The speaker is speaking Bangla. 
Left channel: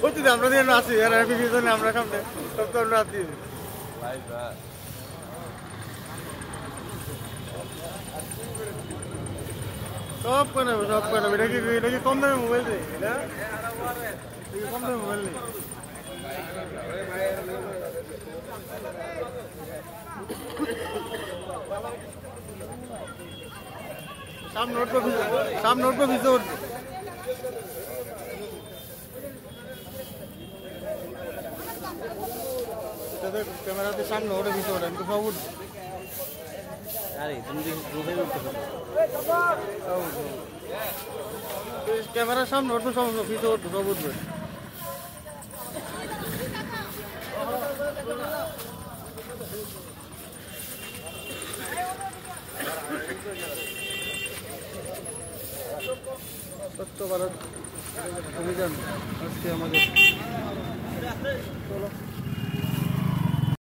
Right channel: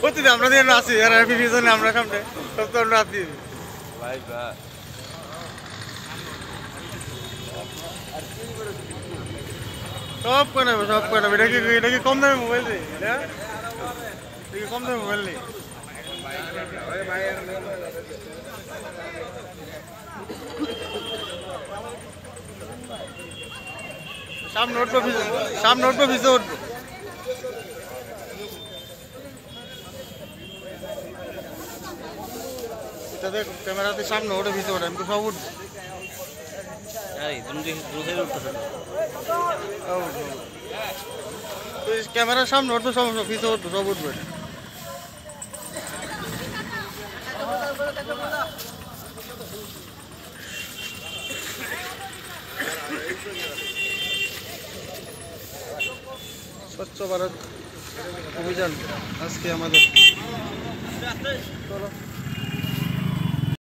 প্রতিদিন আমরা দিয়ে আছি আর পিছনে আমরা সামনে সব তো আমরা আছি সব করে নেবো সব করে নেবো এটা কি কম দামে মোবাইল রে এটা কি কম দামে মোবাইল নেই সামনে উঠবো ভিজে উঠবো এটাতে ক্যামেরাতে সামনে ওঠে ভিজে ওঠে আমি তো সব উঠবো ক্যামেরার সামনে উঠবো সব ভিজে উঠবো সব উঠবে স্বচ্ছ ভারত অভিযান আজকে আমাদের চলো